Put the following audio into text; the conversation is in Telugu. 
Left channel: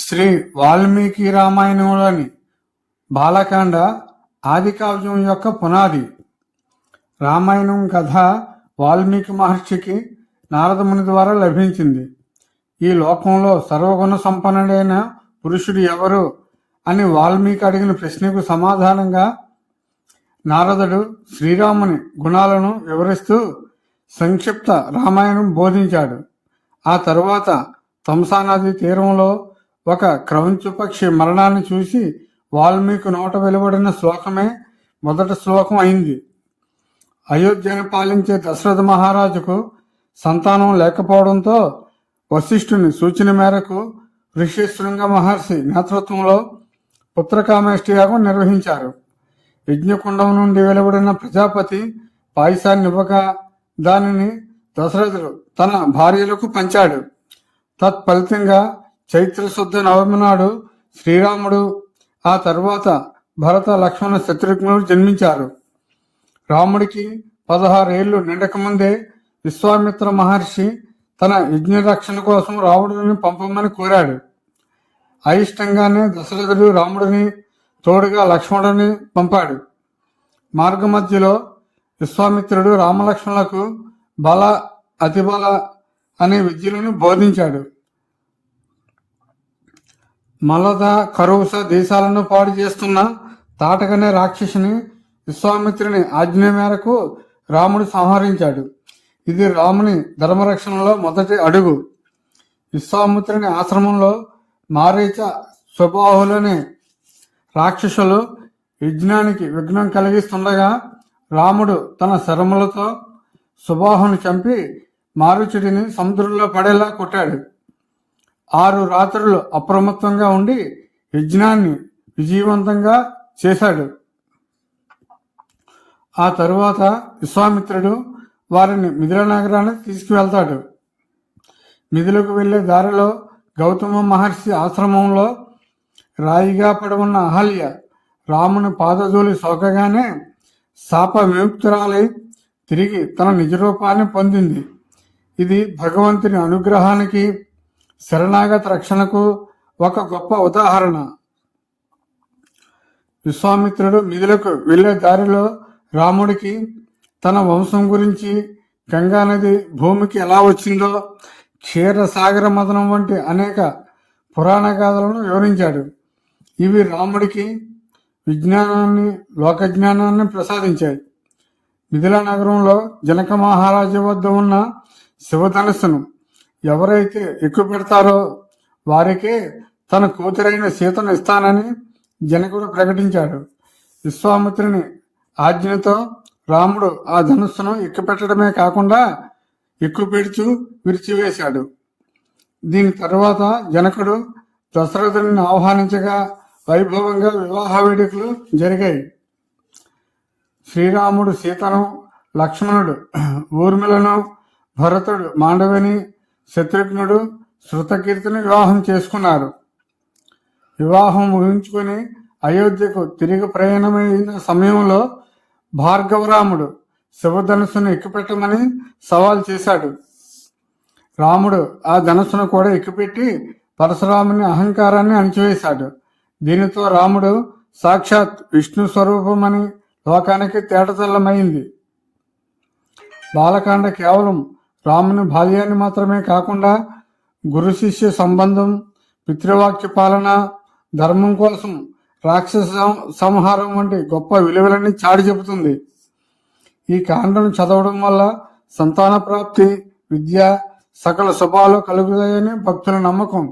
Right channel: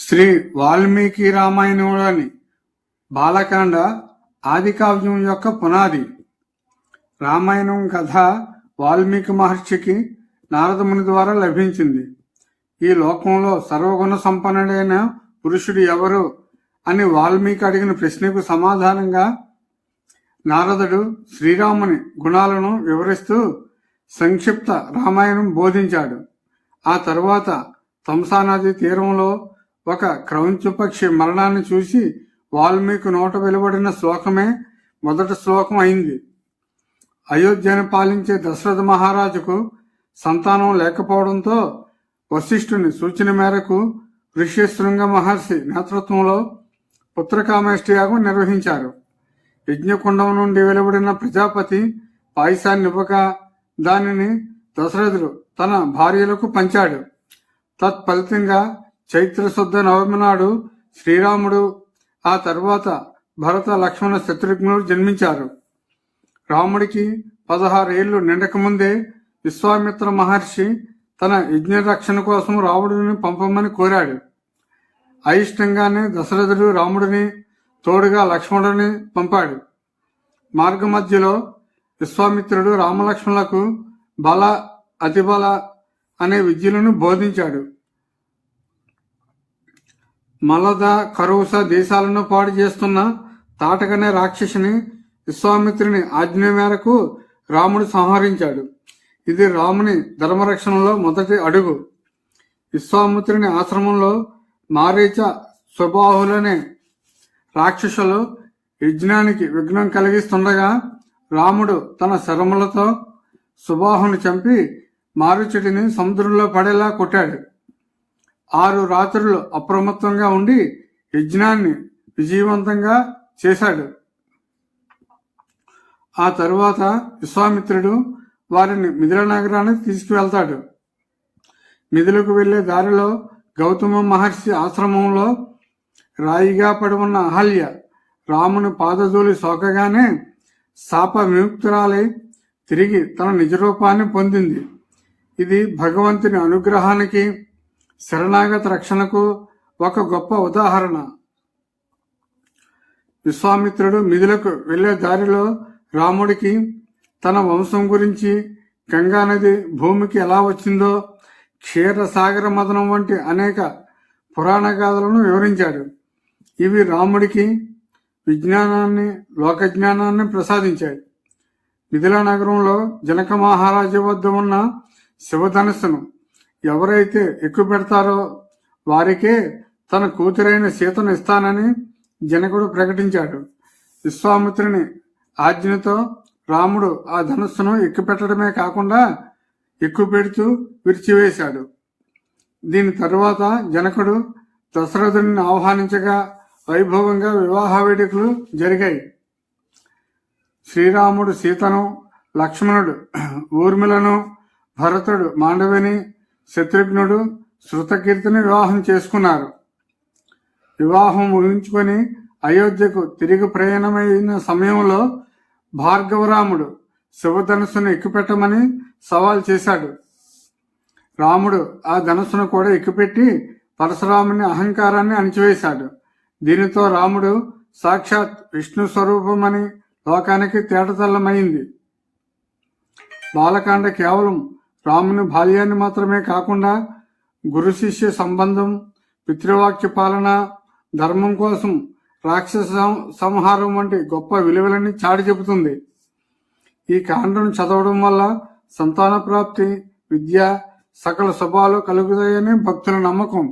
శ్రీ వాల్మీకి రామాయణంలోని బాలకాండ ఆది కావ్యం యొక్క పునాది. రామాయణం కథ వాల్మీకి మహర్షికి నారదముని ద్వారా లభించింది. ఈ లోకంలో సర్వగుణ సంపన్నుడైన పురుషుడు ఎవరు అని వాల్మీకి అడిగిన ప్రశ్నకు సమాధానంగా నారదుడు శ్రీరాముని గుణాలను వివరిస్తూ సంక్షిప్త రామాయణం బోధించాడు. ఆ తరువాత తంసానది తీరంలో ఒక క్రౌంచపక్షి మరణాన్ని చూసి వాల్మీకి నోట వెలువడిన శ్లోకమే మొదటి శ్లోకం అయింది. అయోధ్యను పాలించే దశరథ మహారాజుకు సంతానం లేకపోవడంతో వశిష్ఠుని సూచన మేరకు ఋష్యశృంగ మహర్షి నేతృత్వంలో పుత్రకామేష్టి యాగం నిర్వహించారు. యజ్ఞకుండం నుండి వెలువడిన ప్రజాపతి పాయసాన్ని ఇవ్వక దానిని దశరథుడు తన భార్యలకు పంచాడు. తత్ఫలితంగా చైత్ర శుద్ధ నవమి నాడు శ్రీరాముడు ఆ తర్వాత భరత లక్ష్మణ శత్రుఘ్నులు జన్మించారు. రాముడికి పదహారేళ్ళు నిండక ముందే విశ్వామిత్ర మహర్షి తన యజ్ఞ రక్షణ కోసం రాముడిని పంపమని కోరాడు. అయిష్టంగానే దశరథుడు రాముడిని తోడుగా లక్ష్మణుడిని పంపాడు. మార్గ మధ్యలో విశ్వామిత్రుడు రామలక్ష్మణులకు బల అతిబల అనే విద్యలను బోధించాడు. మలద కరువుస దేశాలను పాడు చేస్తున్న తాటకనే రాక్షసుని విశ్వామిత్రుని ఆజ్ఞ మేరకు రాముడు సంహరించాడు. ఇది రాముని ధర్మరక్షణలో మొదటి అడుగు. విశ్వామిత్రుని ఆశ్రమంలో మారీచ స్వభావంలోని రాక్షసులు యజ్ఞానికి విఘ్నం కలిగిస్తుండగా రాముడు తన శరములతో సుబాహును చంపి మారుచుడిని సముద్రంలో పడేలా కొట్టాడు. ఆరు రాత్రులు అప్రమత్తంగా ఉండి యజ్ఞాన్ని విజయవంతంగా చేశాడు. ఆ తరువాత విశ్వామిత్రుడు వారిని మిథిల నగరానికి తీసుకువెళ్తాడు. మిథులకు వెళ్ళే దారిలో గౌతమ మహర్షి ఆశ్రమంలో రాయిగా పడవున్న అహల్య రాముని పాదధూలి సోకగానే శాప విముక్తురాలై తిరిగి తన నిజరూపాన్ని పొందింది. ఇది భగవంతుని అనుగ్రహానికి శరణాగత రక్షణకు ఒక గొప్ప ఉదాహరణ. విశ్వామిత్రుడు మిథులకు వెళ్ళే దారిలో రాముడికి తన వంశం గురించి గంగానది భూమికి ఎలా వచ్చిందో క్షీరసాగర మదనం వంటి అనేక పురాణ గాథలను వివరించాడు. ఇవి రాముడికి విజ్ఞానాన్ని లోకజ్ఞానాన్ని ప్రసాదించాయి. మిథిలా నగరంలో జనక మహారాజు వద్ద ఉన్న శివధనస్సును ఎవరైతే ఎక్కువ పెడతారో వారికే తన కూతురైన సీతను ఇస్తానని జనకుడు ప్రకటించాడు. విశ్వామిత్రుని ఆజ్ఞతో రాముడు ఆ ధనుస్సును ఎక్కుపెట్టడమే కాకుండా ఎక్కువ పెడుతూ విరిచివేశాడు. దీని తరువాత జనకుడు దశరథుని ఆహ్వానించగా వైభవంగా వివాహ వేడుకలు జరిగాయి. శ్రీరాముడు సీతను లక్ష్మణుడు ఊర్మిలను భరతుడు మాండవిని శత్రుఘ్నుడు శృతకీర్తిని వివాహం చేసుకున్నారు. వివాహం ముగించుకొని అయోధ్యకు తిరిగి ప్రయాణమైన సమయంలో భార్గవరాముడు శివధనుసును ఎక్కుపెట్టమని సవాల్ చేశాడు. రాముడు ఆ ధనుసును కూడా ఎక్కుపెట్టి పరశురాముని అహంకారాన్ని అణిచివేశాడు. దీనితో రాముడు సాక్షాత్ విష్ణు స్వరూపమని లోకానికి తేటతెల్లమైంది. బాలకాండ కేవలం రాముని బాల్యాన్ని మాత్రమే కాకుండా గురు శిష్య సంబంధం పితృవాక్య పాలన ధర్మం కోసం రాక్షస సంహారం వంటి గొప్ప విలువలన్నీ చాటి చెబుతుంది. ఈ కాండను చదవడం వల్ల సంతాన ప్రాప్తి విద్య సకల శుభాలు కలుగుతాయని భక్తుల నమ్మకం.